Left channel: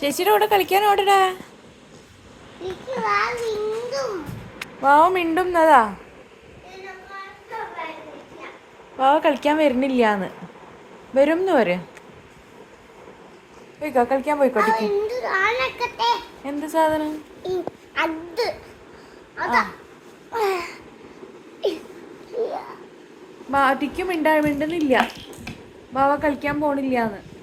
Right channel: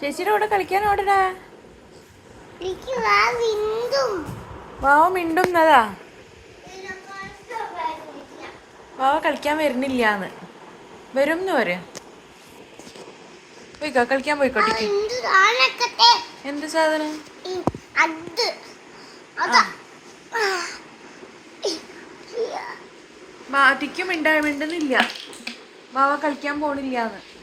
ചേച്ചിയുടെ കൂടെ കളിക്കാൻ ഓടടാ. വാവ മിണ്ടുന്നതാ. വാവ കളിക്കാൻ വരുന്നില്ലാന്ന്. വരുംന്ന് വരെ പോയിക്കോ, കളിക്കാൻ പോയിക്കോട്ടെ. എന്ത് സാധനം? ടിക്കും മിണ്ടുന്നില്ല. വാവ കളിക്കാൻ പോണില്ലാന്ന്.